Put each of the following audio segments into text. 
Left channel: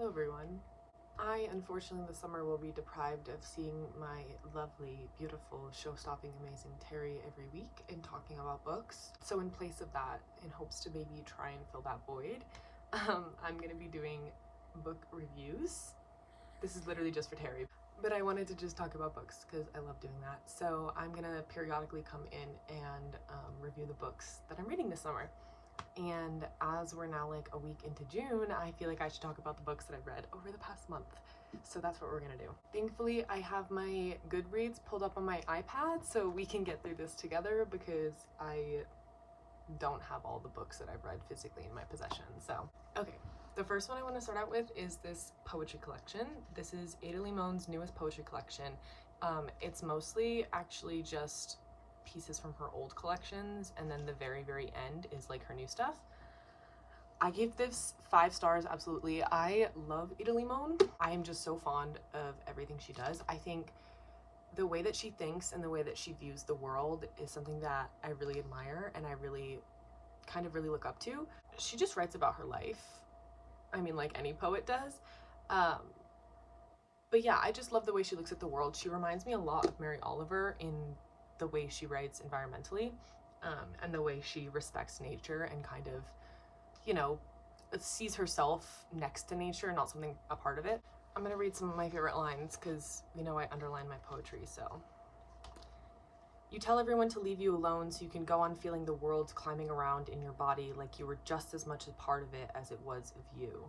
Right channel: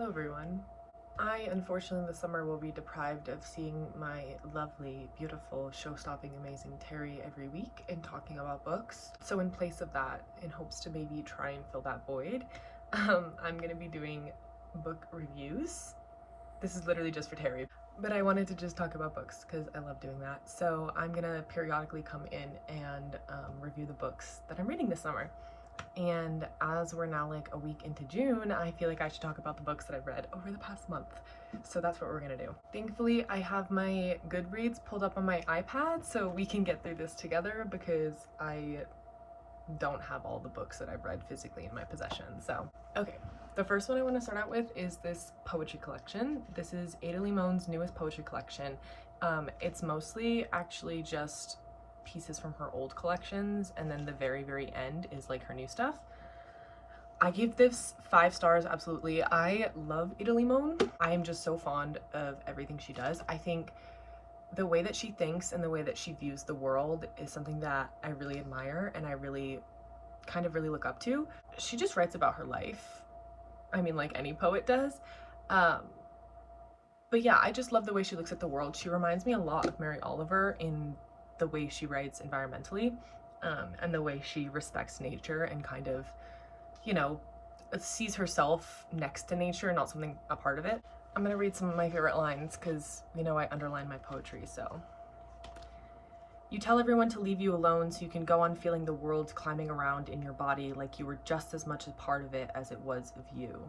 Hello everyone. I unfortunately this summer will be deprived of seeing my lovely, beautiful, show-stopping, amazing Terry every week and talking about books. So in place of that, in hopes to maybe try and fill that void, I'm gonna be doing book reviews. This is literally just for Terry, but I wanted to just talk about books because I love doing that. So I'm gonna periodically come in and review the books that I'm reading this summer. And as we're now like a week into June, I feel like I should talk about the books that I've read over the past month. So that's what we're gonna do. Thankfully, I have my Goodreads pulled up on my iPad so we can get through this together because I don't have all the books that I've read physically in my possession. So, okay. The first one I want to start out with is this poetry collection. This is Ada Limon's newest poetry collection. It's mostly actually just pieces from her old collections, and then the very end is like her new stuff. I gave this 5 stars, absolutely. I love Ada Limon. I am just so fond of everything she does. I think the way that she thinks and the way that she views the world is something that I really admire and I really look up to. She just writes about her life. I mean, like any poet does. But yeah, I just love the way she looks at the world. She reminds me a lot of Mary Oliver in the way she writes environmentally, and the way she respects nature and kind of, you know, sees herself next to nature, not something a part of it. I'm gonna read some of my favorite lines because, you know, I underline my poetry, so. You tell everyone to leave you alone so you can go on feeling the world climbing around in your body like you were just as much a part of it as it was of you.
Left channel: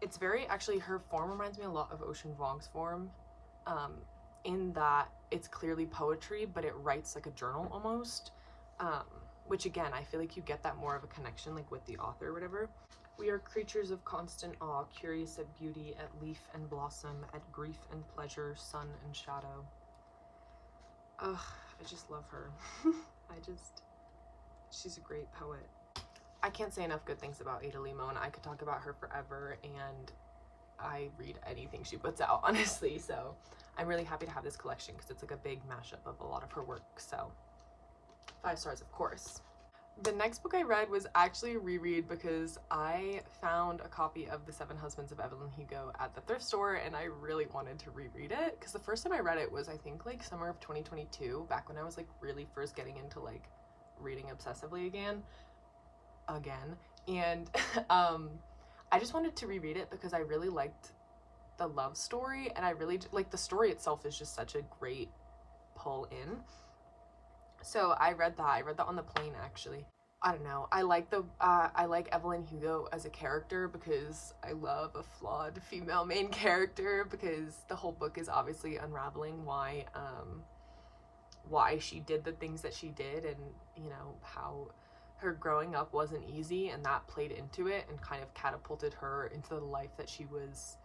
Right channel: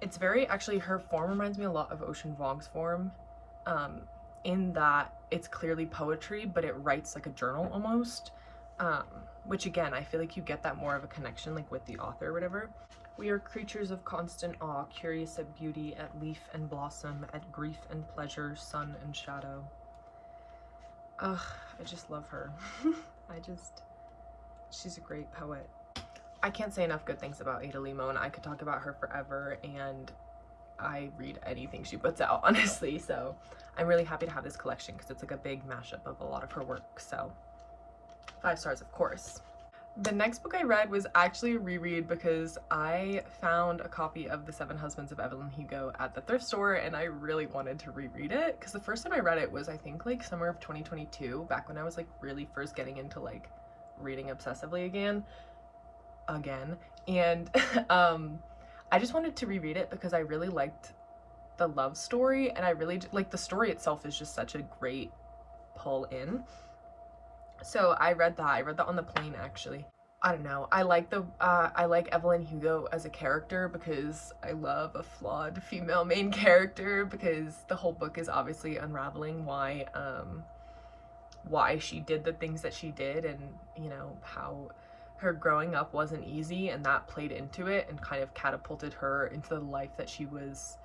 It's very, actually, her form reminds me a lot of Ocean Vuong's form, in that it's clearly poetry, but it writes like a journal almost, which again, I feel like you get that more of a connection like with the author or whatever. We are creatures of constant awe, curious at beauty, at leaf and blossom, at grief and pleasure, sun and shadow. Ugh, I just love her. She's a great poet. I can't say enough good things about Ada Limon. I could talk about her forever, and I read anything she puts out, honestly. So I'm really happy to have this collection because it's like a big mashup of a lot of her work. So 5 stars, of course. The next book I read was actually a reread because I found a copy of The Seven Husbands of Evelyn Hugo at the thrift store and I really wanted to reread it because the first time I read it was I think like summer of 2022, back when I was like really first getting into like reading obsessively again. And I just wanted to reread it because I really liked the love story, and I really like the story itself is just such a great pull in. So I read that on the plane actually. I don't know, I like Evelyn Hugo as a character because I love a flawed female main character, because the whole book is obviously unraveling why she did the things that she did, and you know how her growing up wasn't easy, and that played into it and kind of catapulted her into the life that she was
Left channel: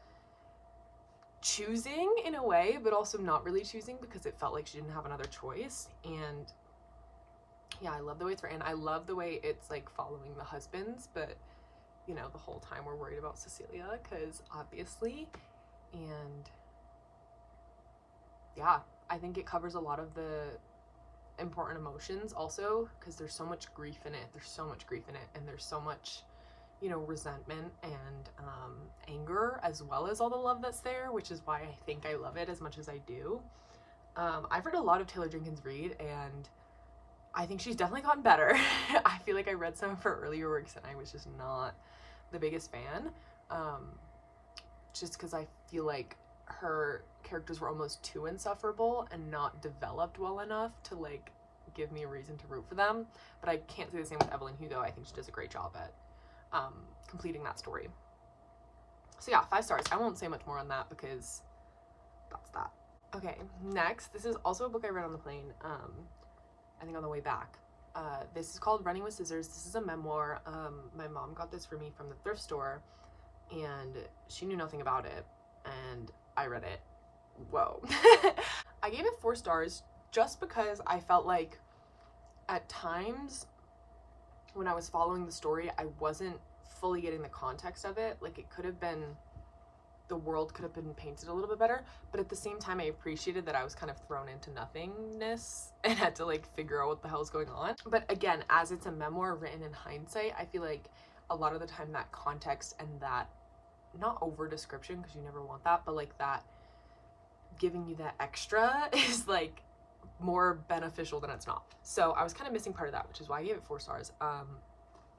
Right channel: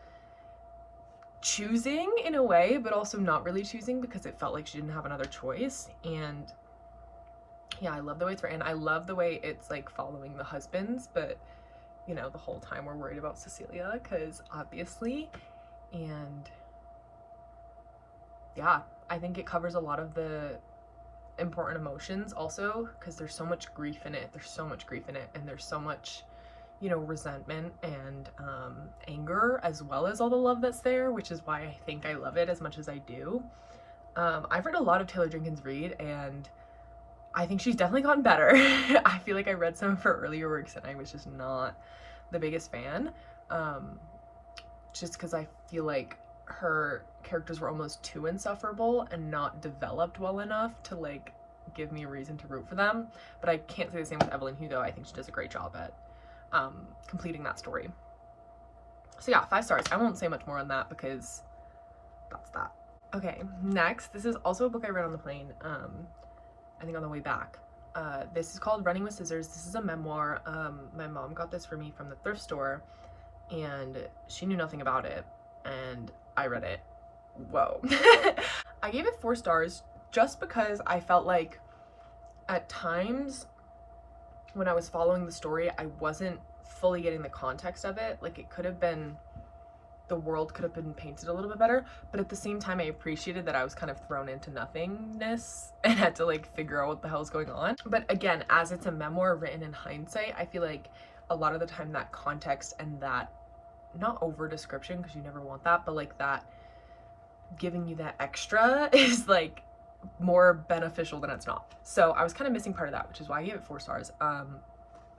choosing in a way, but also not really choosing because it felt like she didn't have another choice. And yeah, I love the way it's written. I love the way it's like following the husbands, but you know, the whole time we're worried about Cecilia because obviously. And yeah, I think it covers a lot of the important emotions also because there's so much grief in it. And there's so much, you know, resentment and anger, as well as all the love that's there, which is why I think I love it as much as I do. I've read a lot of Taylor Jenkins Reid, and I think she's definitely gotten better. I feel like I read some of her earlier works and I was just not the biggest fan, just because I feel like her characters were almost too insufferable and not developed well enough to like give me a reason to root for them. But I can't say the same with Evelyn Hugo. I think she does a great job at completing that story. So yeah, 5 stars. I won't say much more on that because that's that. Okay, next, this is also a book I read on the plane, I think on the way back. This is called Running with Scissors. This is a memoir. My mom got this for me from the thrift store, and she knew nothing about it, and I read it. Whoa. I gave it 4 stars just because I felt like at times when I was following the story, I wasn't fully getting the context of it. Like, it could have been, the world could have been painted a little bit better, but at the same time I appreciated that I was kind of thrown into nothingness and had to like figure out what the hell is going on. But again, as it's a memoir written in hindsight, I feel like a lot of the time that context and that not over description, because you never want that, but like that giving you that extra is like more beneficial than it's not. So I was kind of missing part of that, which is why I gave it 4 stars.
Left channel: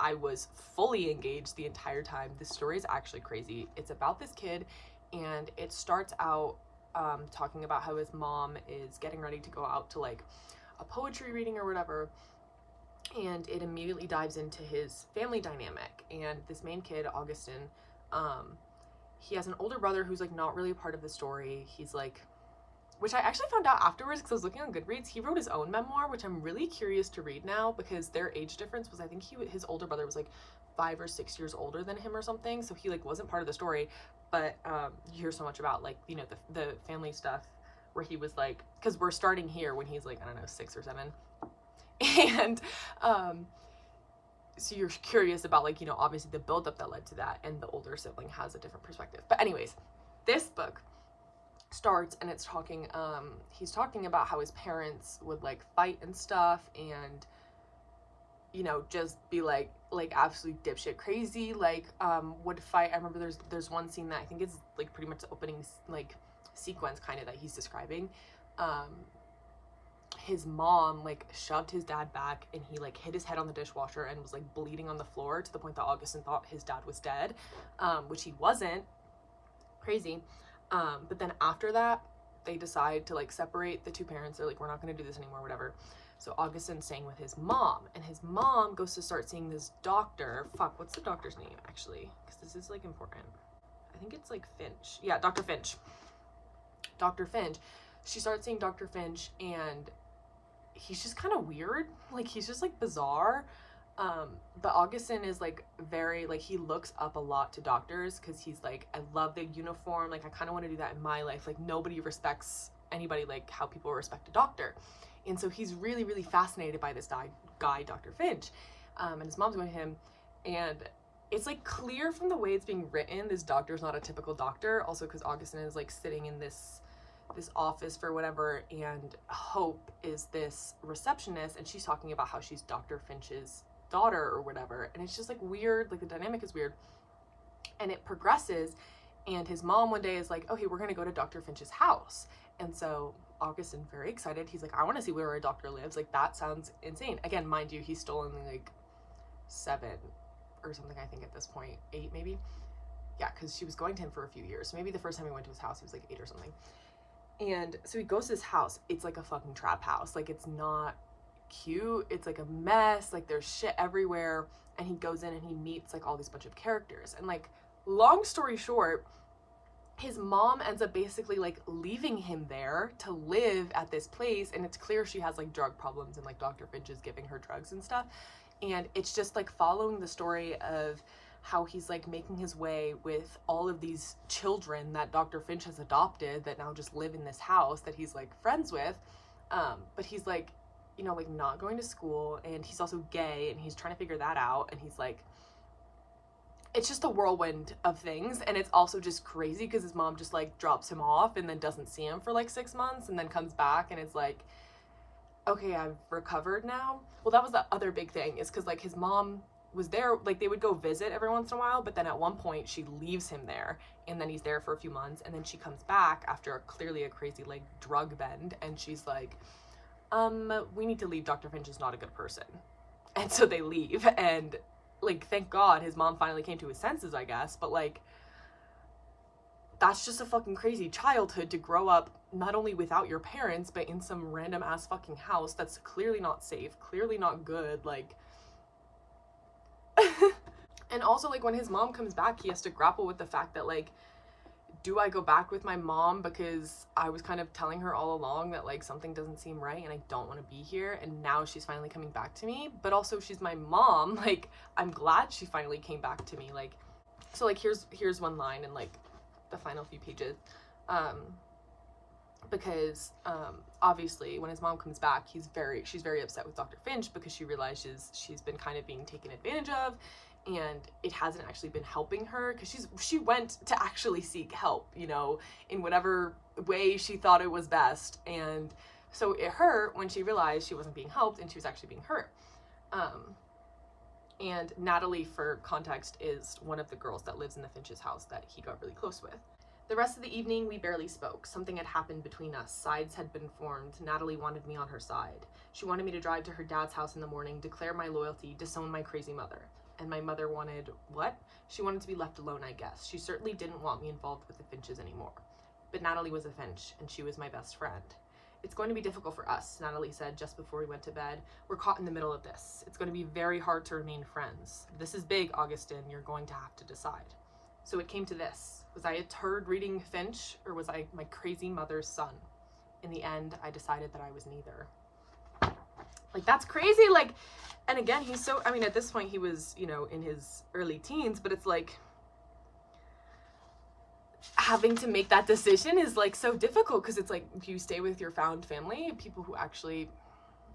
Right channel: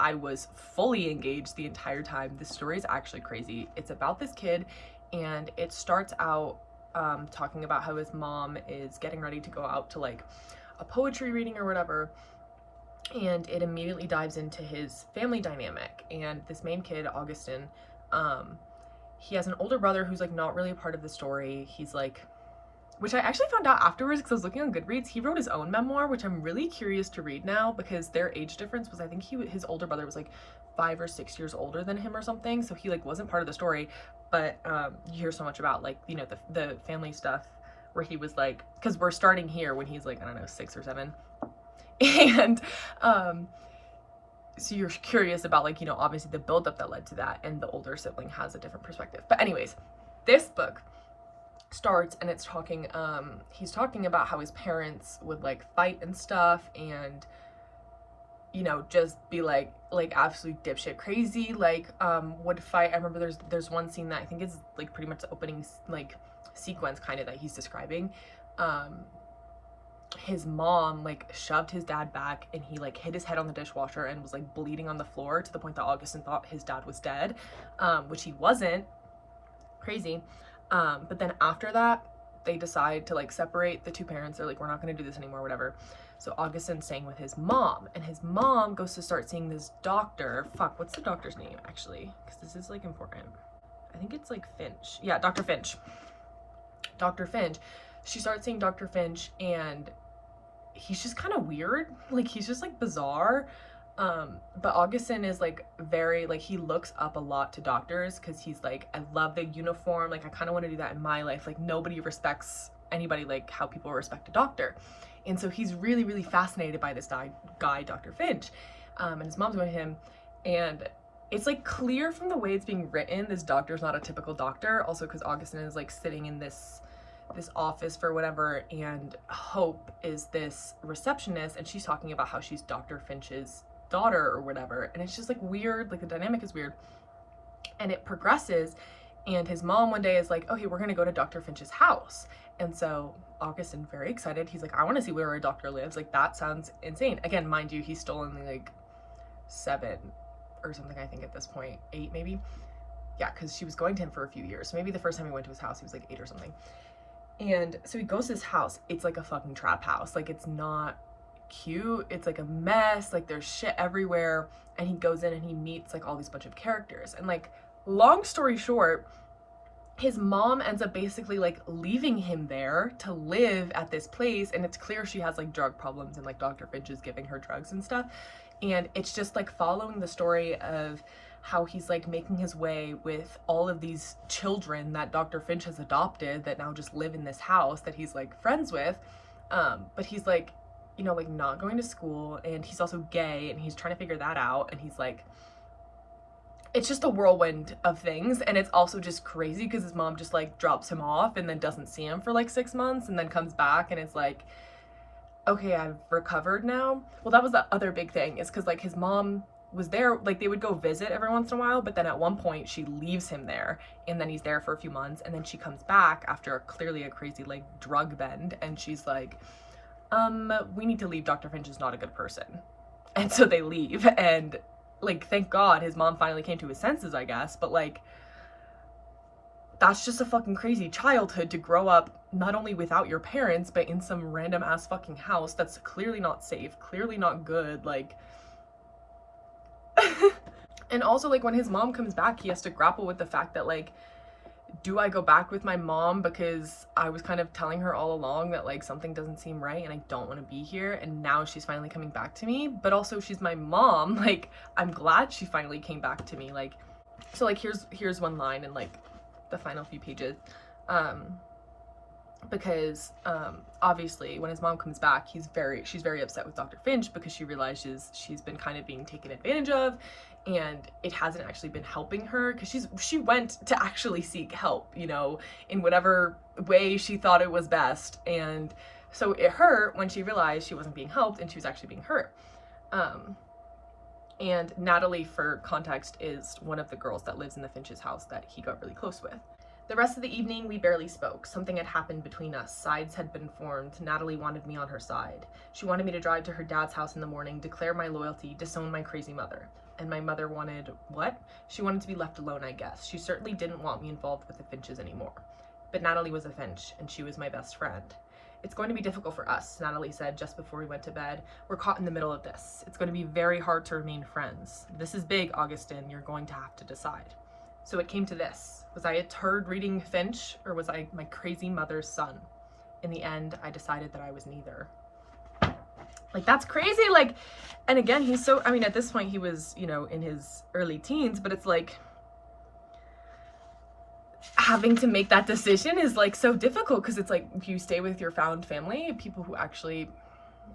I was fully engaged the entire time. This story is actually crazy. It's about this kid, and it starts out talking about how his mom is getting ready to go out to like a poetry reading or whatever, and it immediately dives into his family dynamic. And this main kid, Augustin, he has an older brother who's like not really a part of the story. He's like, which I actually found out afterwards because I was looking on Goodreads, he wrote his own memoir, which I'm really curious to read now, because their age difference was, I think his older brother was like 5 or 6 years older than him or something, so he like wasn't part of the story. But you hear so much about like, you know, the family stuff where he was like, because we're starting here when he's like, I don't know, 6 or 7, and so you're curious about like, you know, obviously the buildup that led to that, and the older sibling has a different perspective. But anyways, this book starts and it's talking, he's talking about how his parents would like fight and stuff, and you know, just be like absolutely dipshit crazy, like would fight. I remember there's one scene that I think is like pretty much the opening like sequence kind of that he's describing. His mom like shoved his dad back, and he like hit his head on the dishwasher and was like bleeding on the floor to the point that Augustin thought his dad was dead, which he wasn't. Crazy. But then after that, they decide to like separate the two parents. They're like, we're not going to do this anymore, whatever. So Augustin's staying with his mom, and his mom goes to start seeing this doctor. Fuck, what's the doctor's name actually? Because this is like important. I think it's like Finch. Yeah, Dr. Finch. Dr. Finch. She starts seeing Dr. Finch, and he's just kind of weird. Like, he's just like bizarre. But Augustin is like very, like, he looks up a lot to doctors, because he's like, I love the uniform, like I kind of want to do that in my life. Like, nobody respects anybody like how people respect a doctor. And so he's really, really fascinated by this guy, Dr. Finch. And his mom's going to him, and it's like clear from the way it's being written, this doctor's not a typical doctor. Also because Augustin is like sitting in this office for whatever, and Hope is this receptionist, and she's talking about how she's Dr. Finch's daughter or whatever, and it's just like weird, like the dynamic is weird. And it progresses, and his mom one day is like, okay, we're gonna go to Dr. Finch's house. And so Augustin, very excited, he's like, I want to see where a doctor lives, like that sounds insane. Again, mind you, he's still only like 7 or something, I think at this point, 8 maybe. Yeah, because she was going to him for a few years, so maybe the first time he went to his house he was like 8 or something. And so he goes to his house. It's like a fucking trap house. Like, it's not cute. It's like a mess. Like, there's shit everywhere. And he goes in and he meets like all these bunch of characters. And like, long story short, his mom ends up basically like leaving him there to live at this place. And it's clear she has like drug problems, and like Dr. Finch is giving her drugs and stuff. And it's just like following the story of how he's like making his way with all of these children that Dr. Finch has adopted that now just live in this house that he's like friends with. But he's like, you know, like not going to school, and he's also gay, and he's trying to figure that out. And he's like, it's just a whirlwind of things. And it's also just crazy because his mom just like drops him off and then doesn't see him for like 6 months, and then comes back, and it's like, okay, I've recovered now. Well, that was the other big thing, is because like his mom was there, like they would go visit every once in a while, but then at one point she leaves him there, and then he's there for a few months, and then she comes back after clearly a crazy like drug bend, and she's like, we need to leave, Dr. Finch is not a good person. And so they leave, and like, thank God his mom finally came to his senses, I guess. But like, that's just a fucking crazy childhood to grow up not only without your parents, but in some random ass fucking house that's clearly not safe, clearly not good, like. And also, like, when his mom comes back, he has to grapple with the fact that, like, do I go back with my mom because I was kind of telling her all along that, like, something doesn't seem right and I don't want to be here, and now she's finally coming back to me, but also she's my mom, like, I'm glad she finally came back to me, like. So, like, here's one line in, like, the final few pages, because obviously when his mom comes back, she's very upset with Dr. Finch because she realizes she's been kind of being taken advantage of, and it hasn't actually been helping her, because she went to actually seek help, you know, in whatever way she thought it was best. And so it hurt when she realized she wasn't being helped and she was actually being hurt. And Natalie, for context, is one of the girls that lives in the Finch's house that he got really close with. The rest of the evening, we barely spoke. Something had happened between us. Sides had been formed. Natalie wanted me on her side. She wanted me to drive to her dad's house in the morning, declare my loyalty, disown my crazy mother. And my mother wanted what? She wanted to be left alone, I guess. She certainly didn't want me involved with the Finches anymore. But Natalie was a Finch, and she was my best friend. It's going to be difficult for us, Natalie said just before we went to bed. We're caught in the middle of this. It's going to be very hard to remain friends. This is big, Augustine. You're going to have to decide. So it came to this. Was I a turd reading Finch, or was I my crazy mother's son? In the end, I decided that I was neither. Like, that's crazy. Like, and again, he's so, I mean, at this point he was, you know, in his early teens, but it's like, having to make that decision is like so difficult, because it's like, do you stay with your found family, people who actually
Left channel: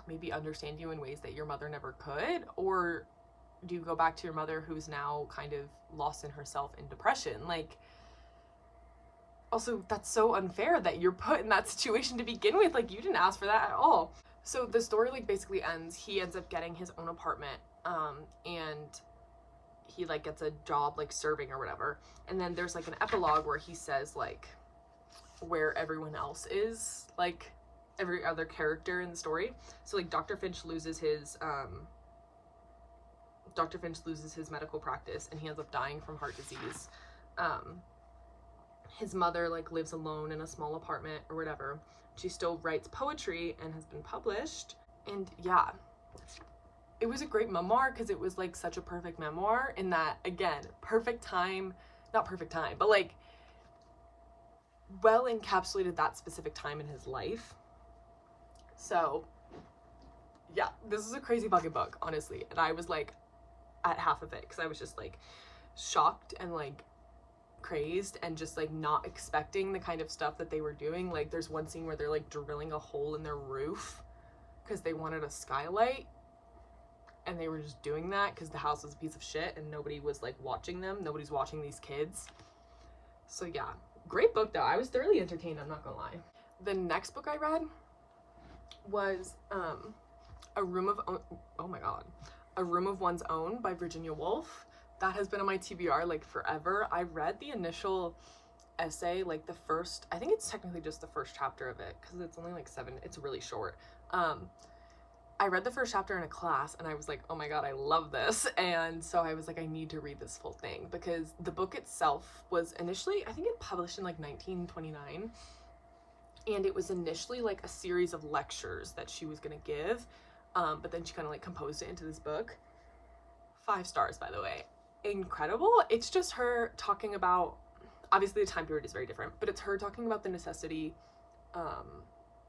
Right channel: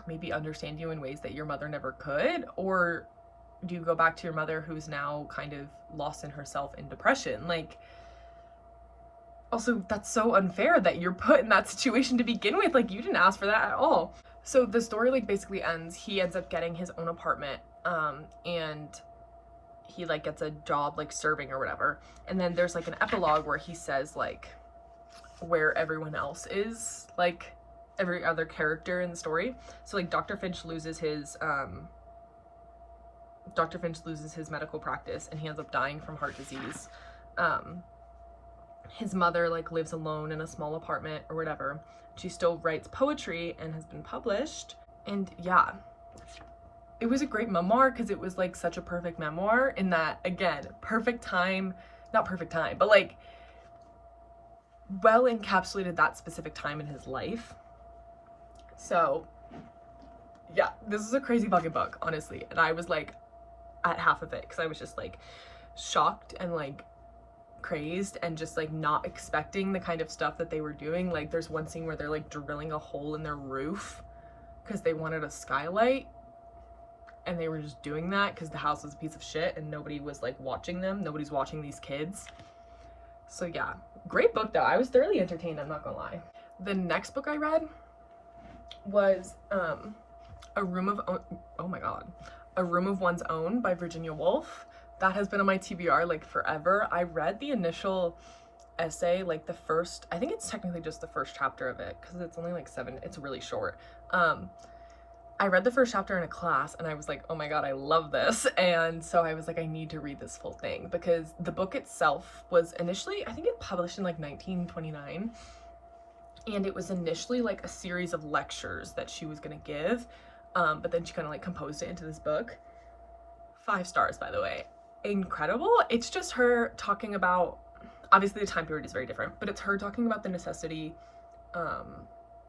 maybe understand you in ways that your mother never could, or do you go back to your mother who's now kind of lost in herself in depression? Like, also, that's so unfair that you're put in that situation to begin with. Like, you didn't ask for that at all. So the story like basically ends, he ends up getting his own apartment, and he like gets a job like serving or whatever, and then there's like an epilogue where he says like where everyone else is, like every other character in the story. So like Dr. Finch loses his medical practice, and he ends up dying from heart disease. His mother like lives alone in a small apartment or whatever. She still writes poetry and has been published. And yeah, it was a great memoir, because it was like such a perfect memoir in that, again, perfect time, not perfect time, but like well encapsulated that specific time in his life. So yeah, this is a crazy fucking book, honestly. And I was like at half of it, because I was just like shocked and like crazed and just like not expecting the kind of stuff that they were doing. Like, there's one scene where they're like drilling a hole in their roof because they wanted a skylight, and they were just doing that because the house was a piece of shit and nobody was like watching them. Nobody's watching these kids. So yeah, great book though. I was thoroughly entertained, I'm not gonna lie. The next book I read was A Room of One's Own by Virginia Woolf. That has been on my TBR like forever. I read the initial essay, like the first, I think it's technically just the first chapter of it, because it's only like 7, it's really short. I read the first chapter in a class and I was like, oh my god, I love this. And so I was like, I need to read this full thing, because the book itself was initially, I think it published in like 1929, and it was initially like a series of lectures that she was gonna give, but then she kind of like composed it into this book. 5 stars, by the way. Incredible. It's just her talking about, obviously the time period is very different, but it's her talking about the necessity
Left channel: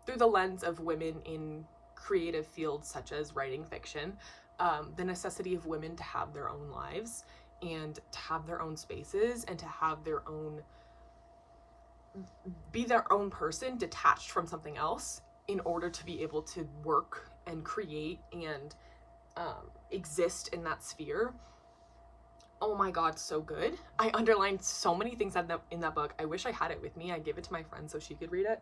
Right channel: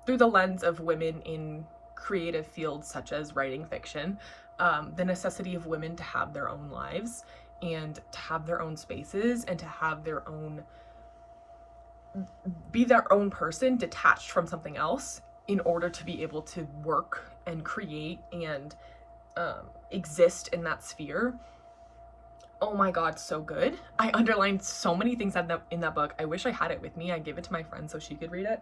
through the lens of women in creative fields such as writing fiction, the necessity of women to have their own lives and to have their own spaces and to have their own, be their own person detached from something else in order to be able to work and create and exist in that sphere. Oh my god, so good. I underlined so many things in that book. I wish I had it with me. I gave it to my friend so she could read it.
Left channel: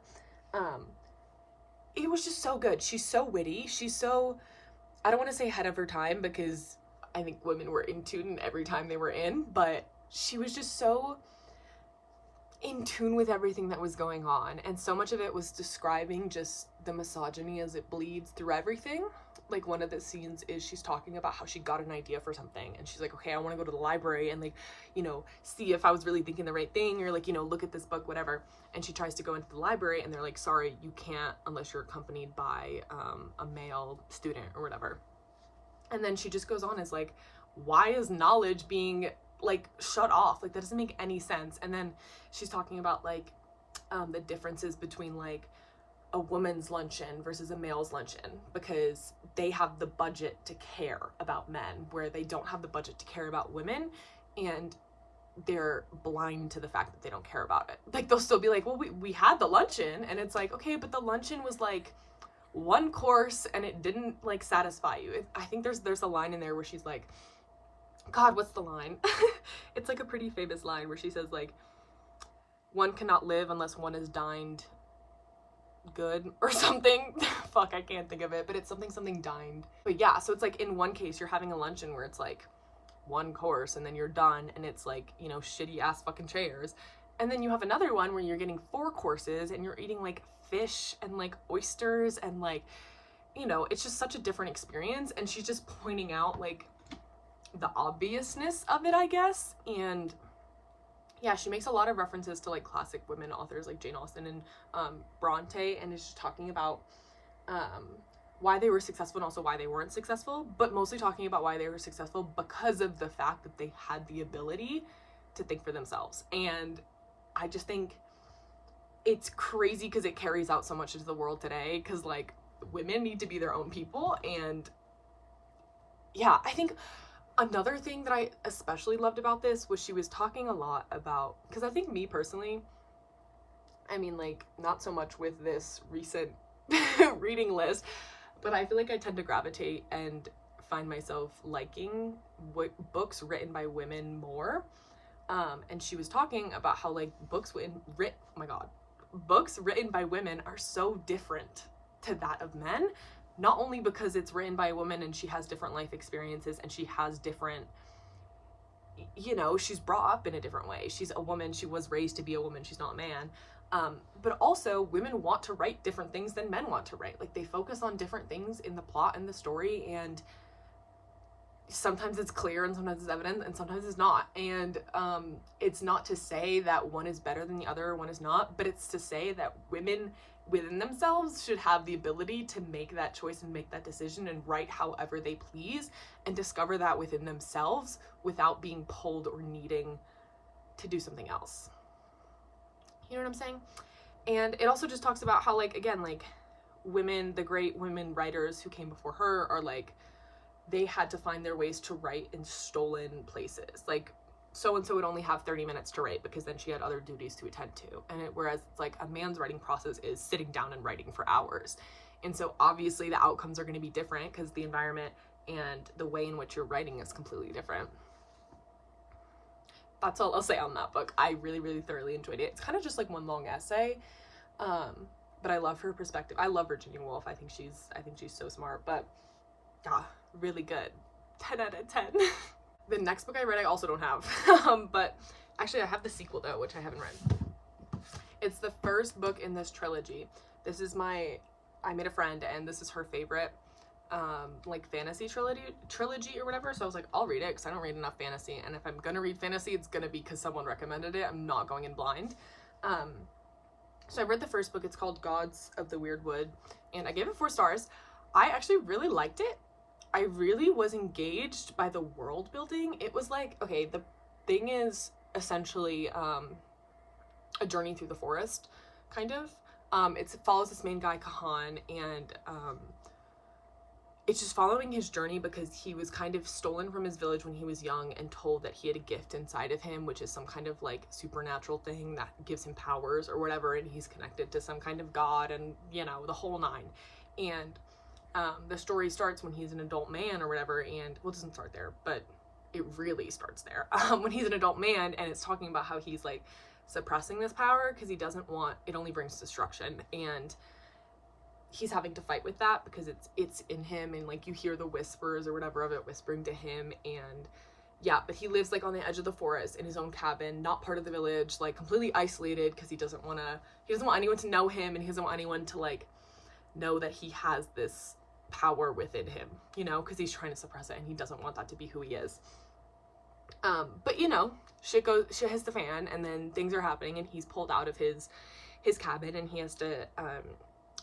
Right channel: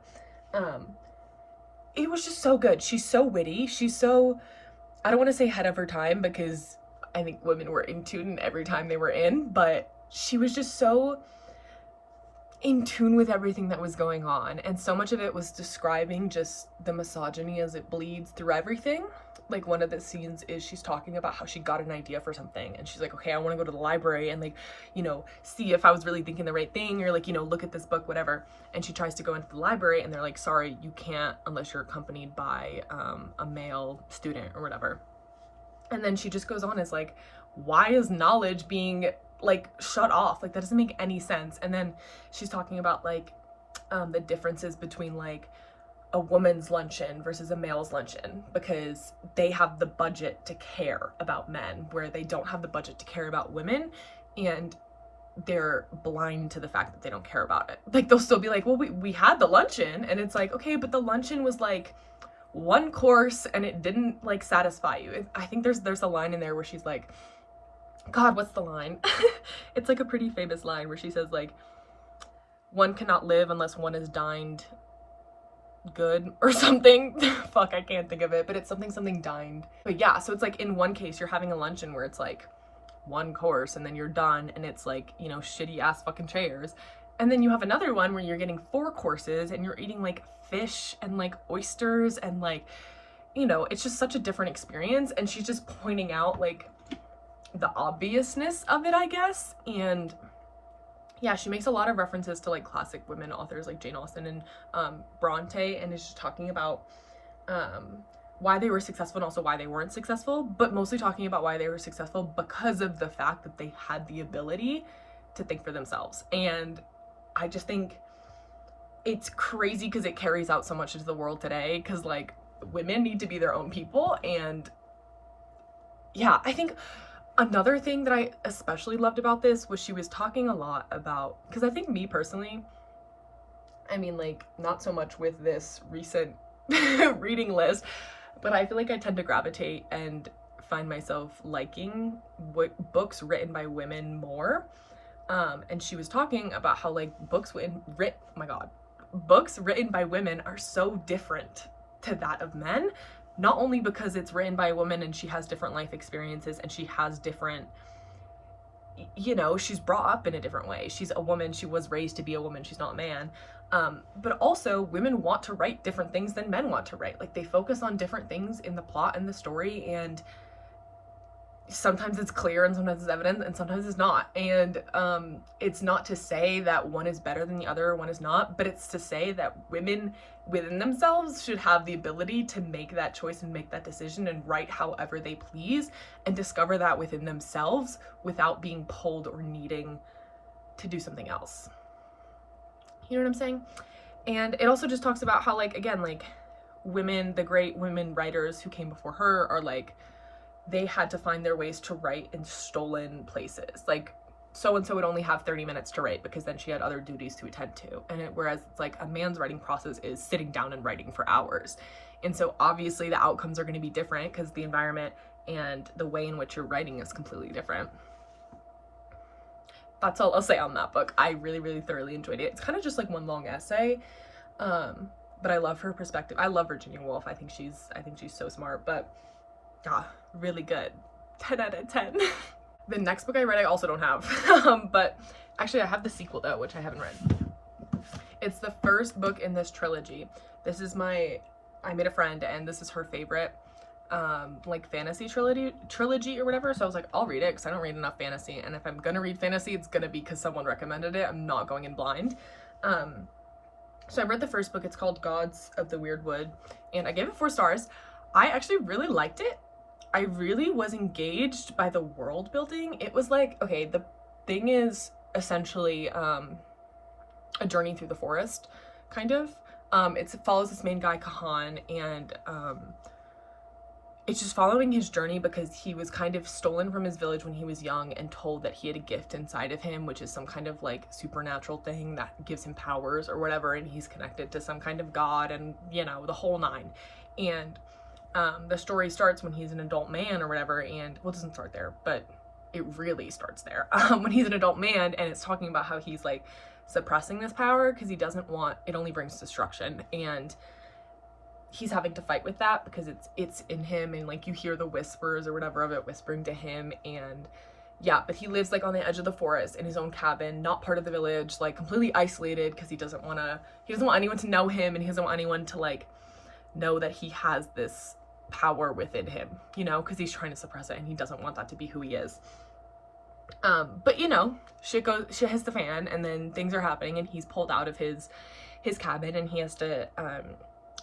It was just so good. She's so witty. She's so, I don't want to say ahead of her time, because I think women were in tune every time they were in, but she was just so in tune with everything that was going on. And so much of it was describing just the misogyny as it bleeds through everything. Like, one of the scenes is she's talking about how she got an idea for something, and she's like, okay, I want to go to the library and like, you know, see if I was really thinking the right thing, or like, you know, look at this book, whatever. And she tries to go into the library and they're like, sorry, you can't unless you're accompanied by a male student or whatever. And then she just goes on as like, why is knowledge being like shut off? Like, that doesn't make any sense. And then she's talking about like the differences between like a woman's luncheon versus a male's luncheon, because they have the budget to care about men where they don't have the budget to care about women, and they're blind to the fact that they don't care about it. Like, they'll still be like, well, we had the luncheon, and it's like, okay, but the luncheon was like one course and it didn't like satisfy you. I think there's a line in there where she's like, god, what's the line? It's like a pretty famous line where she says like, one cannot live unless one is dined good or something. Fuck, I can't think of it, but it's something dined. But yeah, so it's like in one case you're having a luncheon where it's like one course and then you're done and it's like, you know, shitty ass fucking chairs. And then you have another one where you're getting 4 courses and you're eating like fish and like oysters and like, you know, it's just such a different experience. And she's just pointing out like the obviousness of it, I guess. And yeah, she makes a lot of references to like classic women authors like Jane Austen and Bronte, and is just talking about why they were successful and also why they weren't successful, but mostly talking about why they were successful because of the fact that they had the ability to think for themselves. And I just think it's crazy because it carries out so much into the world today, because like women need to be their own people. And yeah, I think another thing that I especially loved about this was she was talking a lot about, because I think me personally, I mean, like, not so much with this recent reading list, but I feel like I tend to gravitate and find myself liking books written by women more. And she was talking about how like books written by women are so different to that of men, not only because it's written by a woman and she has different life experiences and she has different, you know, she's brought up in a different way. She's a woman, she was raised to be a woman, she's not a man. But also women want to write different things than men want to write. Like they focus on different things in the plot and the story, and sometimes it's clear and sometimes it's evident and sometimes it's not. And it's not to say that one is better than the other, one is not, but it's to say that women within themselves should have the ability to make that choice and make that decision and write however they please and discover that within themselves without being pulled or needing to do something else. You know what I'm saying? And it also just talks about how, like, again, like women, the great women writers who came before her are like, they had to find their ways to write in stolen places. Like so-and-so would only have 30 minutes to write because then she had other duties to attend to. And whereas it's like a man's writing process is sitting down and writing for hours. And so obviously the outcomes are going to be different because the environment and the way in which you're writing is completely different. That's all I'll say on that book. I really, really thoroughly enjoyed it. It's kind of just like one long essay. But I love her perspective. I love Virginia Woolf. I think she's so smart, but really good. 10 out of 10. The next book I read I also don't have. But actually I have the sequel though, which I haven't read. It's the first book in this trilogy. This is I Made a Friend, and this is her favorite like fantasy trilogy or whatever. So I was like, I'll read it because I don't read enough fantasy, and if I'm gonna read fantasy, it's gonna be because someone recommended it. I'm not going in blind. So I read the first book. It's called Gods of the Weirdwood, and I gave it 4 stars. I actually really liked it. I really was engaged by the world building. It was like, okay, the thing is essentially a journey through the forest, kind of. It follows this main guy, Kahan, and it's just following his journey because he was kind of stolen from his village when he was young and told that he had a gift inside of him, which is some kind of like supernatural thing that gives him powers or whatever, and he's connected to some kind of god and, you know, the whole nine. And the story starts when he's an adult man or whatever, and well, it doesn't start there, but it really starts there when he's an adult man, and it's talking about how he's like suppressing this power because he doesn't want it, only brings destruction, and he's having to fight with that because it's in him, and like you hear the whispers or whatever of it whispering to him. And yeah, but he lives like on the edge of the forest in his own cabin, not part of the village, like completely isolated because he doesn't want anyone to know him, and he doesn't want anyone to like know that he has this power within him, you know, because he's trying to suppress it and he doesn't want that to be who he is. But you know, shit hits the fan, and then things are happening, and he's pulled out of his cabin, and he has to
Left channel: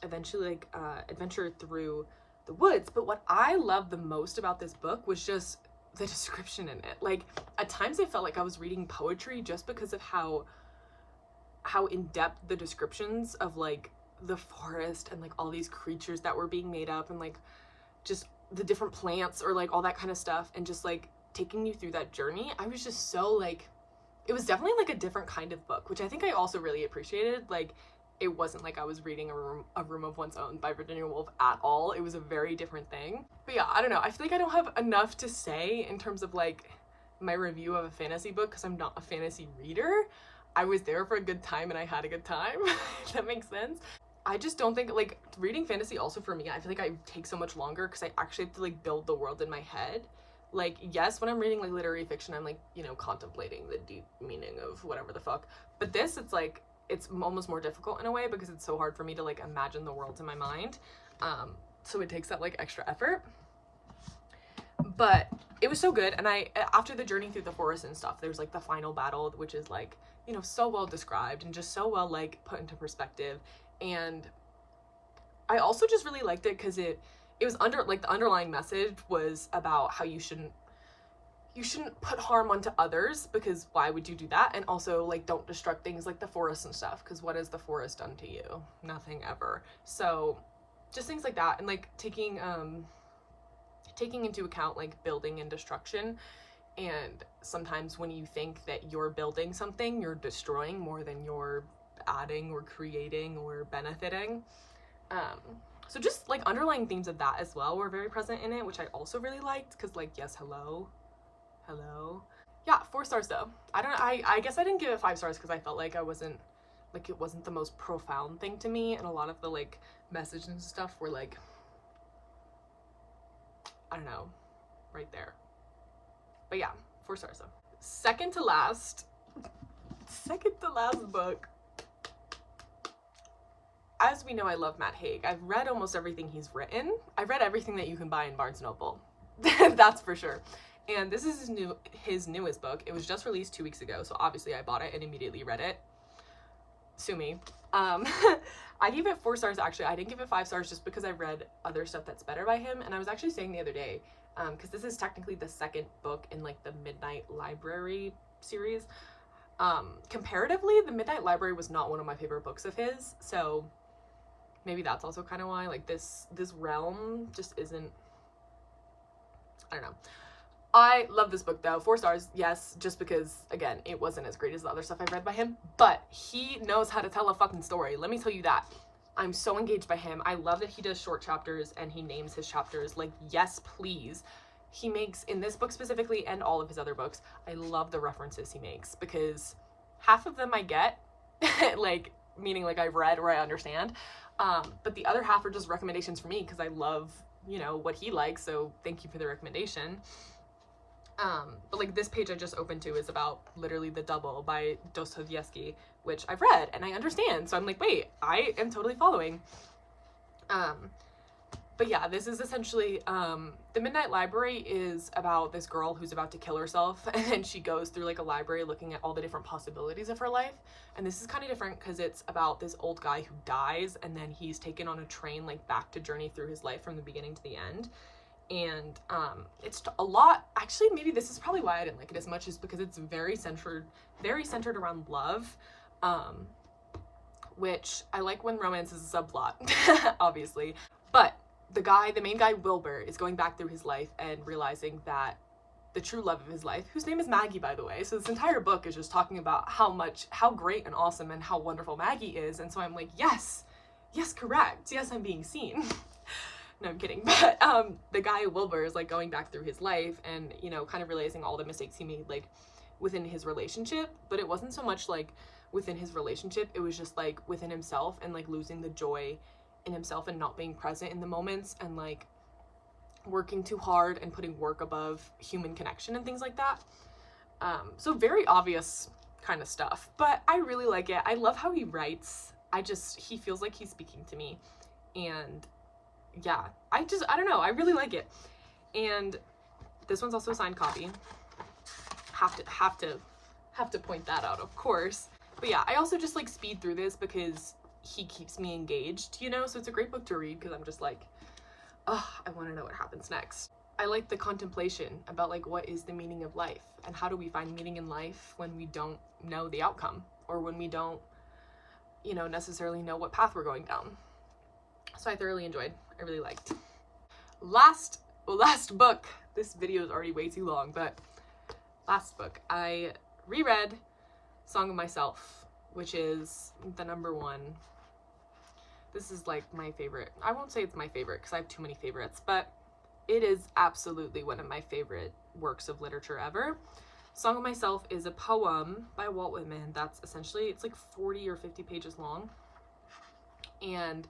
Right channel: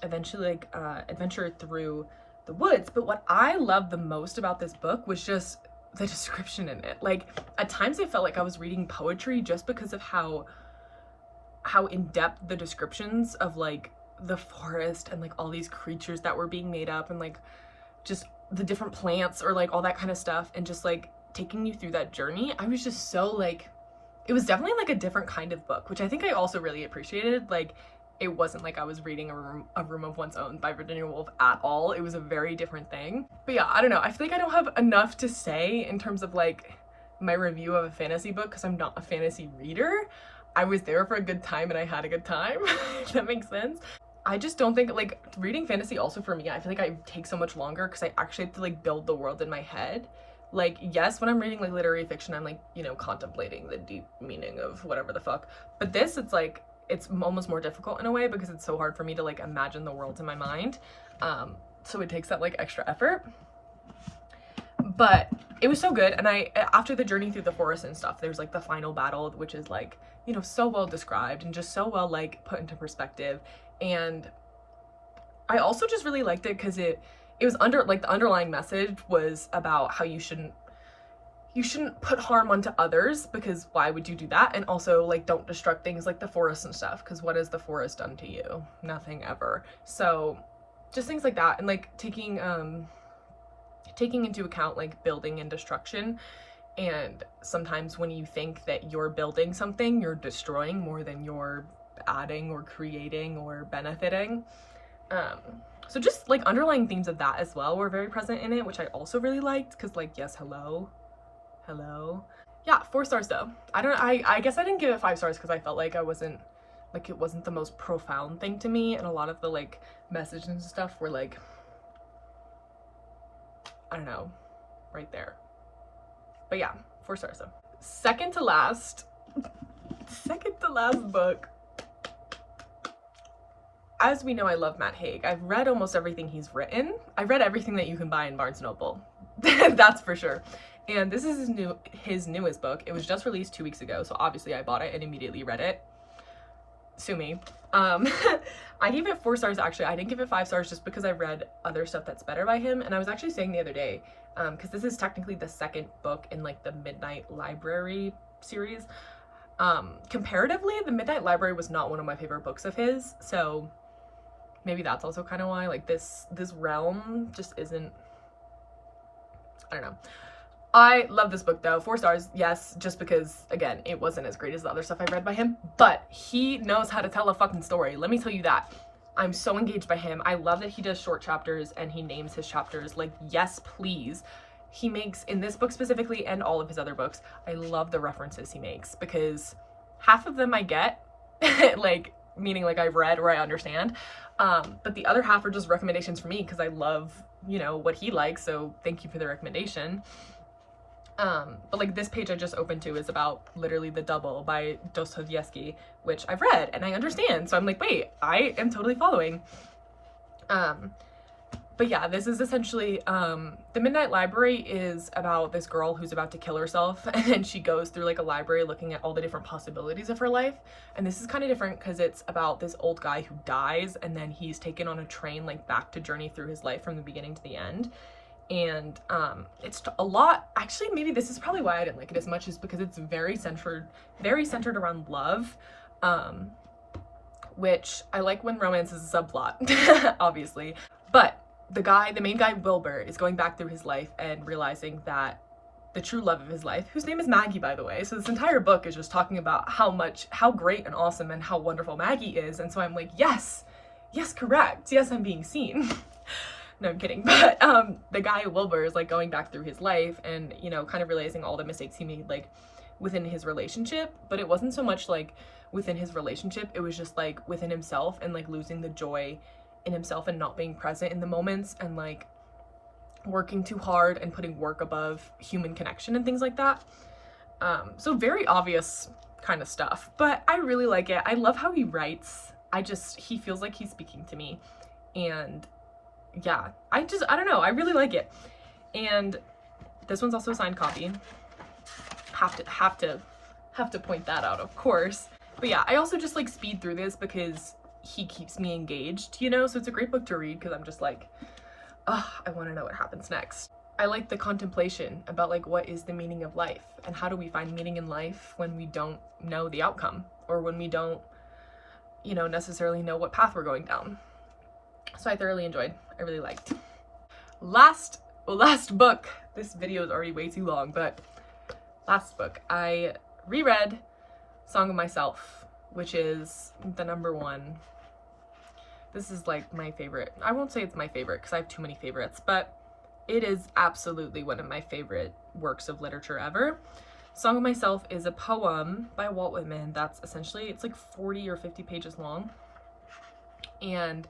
eventually like adventure through the woods. But what I loved the most about this book was just the description in it. Like at times I felt like I was reading poetry just because of how in-depth the descriptions of like the forest and like all these creatures that were being made up, and like just the different plants or like all that kind of stuff, and just like taking you through that journey. I was just so like, it was definitely like a different kind of book, which I think I also really appreciated. Like it wasn't like I was reading a Room of One's Own by Virginia Woolf at all. It was a very different thing. But yeah, I don't know, I feel like I don't have enough to say in terms of like my review of a fantasy book because I'm not a fantasy reader. I was there for a good time and I had a good time. If that makes sense. I just don't think, like, reading fantasy also for me, I feel like I take so much longer because I actually have to, like, build the world in my head. Like, yes, when I'm reading, like, literary fiction, I'm, like, you know, contemplating the deep meaning of whatever the fuck. But this, it's, like, it's almost more difficult in a way because it's so hard for me to, like, imagine the worlds in my mind. So it takes that, like, extra effort. But it was so good. And after the journey through the forest and stuff, there's, like, the final battle, which is, like, you know, so well described and just so well, like, put into perspective. And I also just really liked it because it was like, the underlying message was about how you shouldn't put harm onto others, because why would you do that? And also, like, don't destruct things like the forest and stuff, because what has the forest done to you? Nothing ever. So just things like that, and, like, taking into account, like, building and destruction. And sometimes when you think that you're building something, you're destroying more than you're adding or creating or benefiting. So just, like, underlying themes of that as well were very present in it, which I also really liked, because, like, yes, hello. Yeah, 4 stars though. I guess I didn't give it 5 stars because I felt like it wasn't the most profound thing to me, and a lot of the, like, messages and stuff were, like, I don't know, right there. But yeah, 4 stars though. Second to last book. As we know, I love Matt Haig. I've read almost everything he's written. I've read everything that you can buy in Barnes & Noble. That's for sure. And this is his newest book. It was just released 2 weeks ago, so obviously I bought it and immediately read it. Sue me. I gave it 4 stars, actually. I didn't give it 5 stars just because I've read other stuff that's better by him. And I was actually saying the other day, because this is technically the second book in, like, the Midnight Library series. Comparatively, the Midnight Library was not one of my favorite books of his, so maybe that's also kind of why, like, this realm just isn't, I don't know. I love this book though. 4 stars, yes, just because, again, it wasn't as great as the other stuff I've read by him, but he knows how to tell a fucking story. Let me tell you that. I'm so engaged by him. I love that he does short chapters and he names his chapters. Like, yes, please. He makes, in this book specifically and all of his other books, I love the references he makes, because half of them I get, like, meaning, like, I've read or I understand, but the other half are just recommendations for me because I love, you know, what he likes, so thank you for the recommendation. But, like, this page I just opened to is about literally The Double by Dostoevsky, which I've read and I understand, so I'm like, wait, I am totally following. But yeah, this is essentially, the Midnight Library is about this girl who's about to kill herself, and then she goes through, like, a library looking at all the different possibilities of her life. And this is kind of different because it's about this old guy who dies, and then he's taken on a train, like, back to journey through his life from the beginning to the end. And it's a lot, actually, maybe this is probably why I didn't like it as much, is because it's very centered around love, which I like when romance is a subplot, obviously. But the main guy, Wilbur, is going back through his life and realizing that the true love of his life, whose name is Maggie, by the way. So this entire book is just talking about how great and awesome and how wonderful Maggie is. And so I'm like, yes, correct. Yes, I'm being seen. No, I'm kidding. But the guy, Wilbur, is, like, going back through his life and, you know, kind of realizing all the mistakes he made, like, within his relationship. But it wasn't so much, like, within his relationship. It was just, like, within himself and, like, losing the joy in himself and not being present in the moments, and, like, working too hard and putting work above human connection and things like that. So very obvious kind of stuff, but I really like it. I love how he writes. He feels like he's speaking to me, and yeah, I don't know, I really like it. And this one's also a signed copy. Have to point that out, of course. But yeah, I also just, like, speed through this because he keeps me engaged, you know? So it's a great book to read because I'm just like, oh, I want to know what happens next. I like the contemplation about, like, what is the meaning of life, and how do we find meaning in life when we don't know the outcome, or when we don't, you know, necessarily know what path we're going down. So I thoroughly enjoyed. I really liked. Last book. This video is already way too long, but last book. I reread Song of Myself, which is the #1. This is, like, my favorite. I won't say it's my favorite because I have too many favorites, but it is absolutely one of my favorite works of literature ever. Song of Myself is a poem by Walt Whitman that's essentially, it's like 40 or 50 pages long. And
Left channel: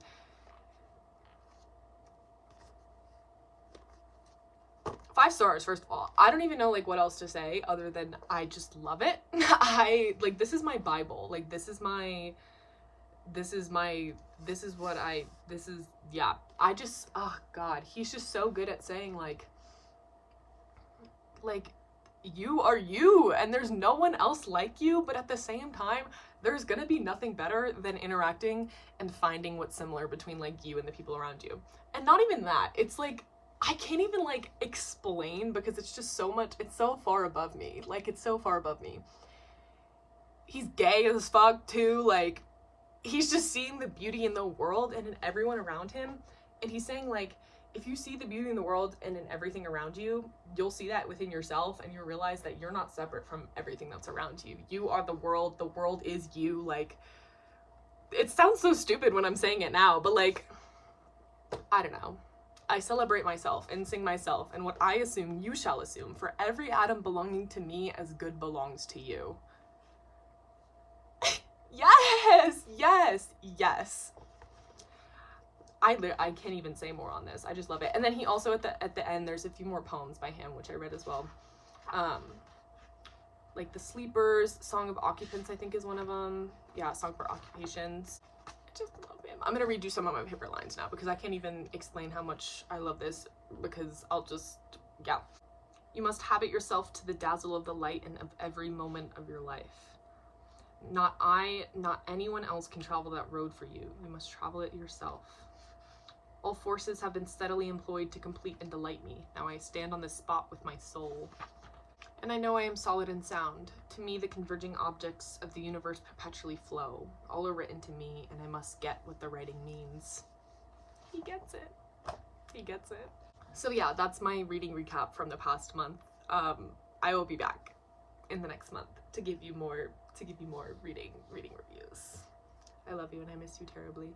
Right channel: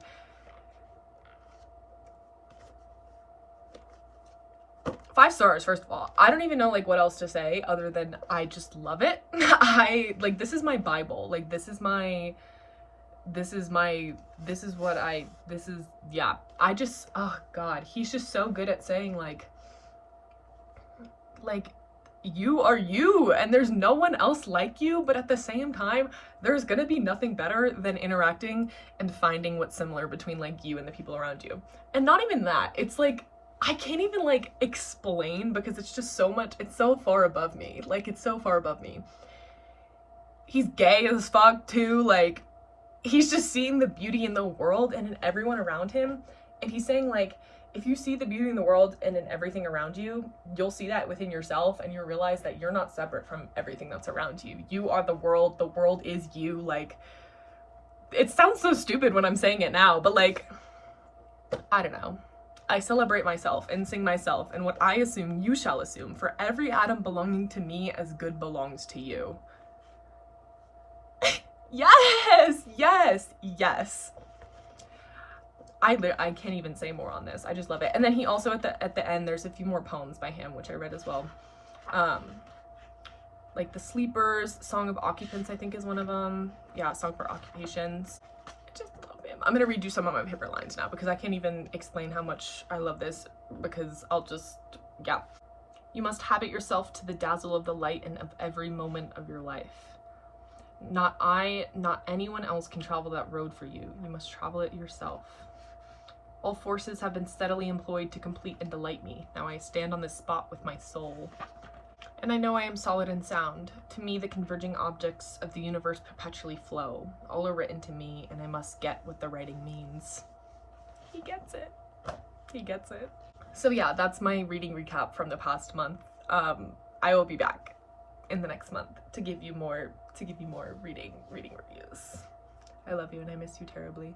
5 stars, first of all. I don't even know like what else to say other than I just love it. I like, this is my Bible. Like, yeah. I just, oh God, he's just so good at saying like you are you and there's no one else like you, but at the same time there's gonna be nothing better than interacting and finding what's similar between like you and the people around you. And not even that, it's like I can't even like explain because it's just so much, it's so far above me. Like, it's so far above me. He's gay as fuck too. Like, he's just seeing the beauty in the world and in everyone around him, and he's saying like, if you see the beauty in the world and in everything around you, you'll see that within yourself, and you'll realize that you're not separate from everything that's around you. You are the world is you. Like, it sounds so stupid when I'm saying it now, but like, I don't know. I celebrate myself and sing myself, and what I assume you shall assume, for every atom belonging to me as good belongs to you. Yes, yes, yes. I can't even say more on this. I just love it. And then he also, at the end, there's a few more poems by him, which I read as well. Like The Sleepers, Song of Occupants, I think is one of them. Yeah, Song for Occupations. I just love him. I'm gonna redo some of my favorite lines now because I can't even explain how much I love this, because I'll just, yeah. You must habit yourself to the dazzle of the light and of every moment of your life. Not I, not anyone else can travel that road for you. You must travel it yourself. All forces have been steadily employed to complete and delight me. Now I stand on this spot with my soul. And I know I am solid and sound. To me, the converging objects of the universe perpetually flow. All are written to me, and I must get what the writing means. He gets it. He gets it. So yeah, that's my reading recap from the past month. I will be back in the next month to give you more reading reviews. I love you and I miss you terribly.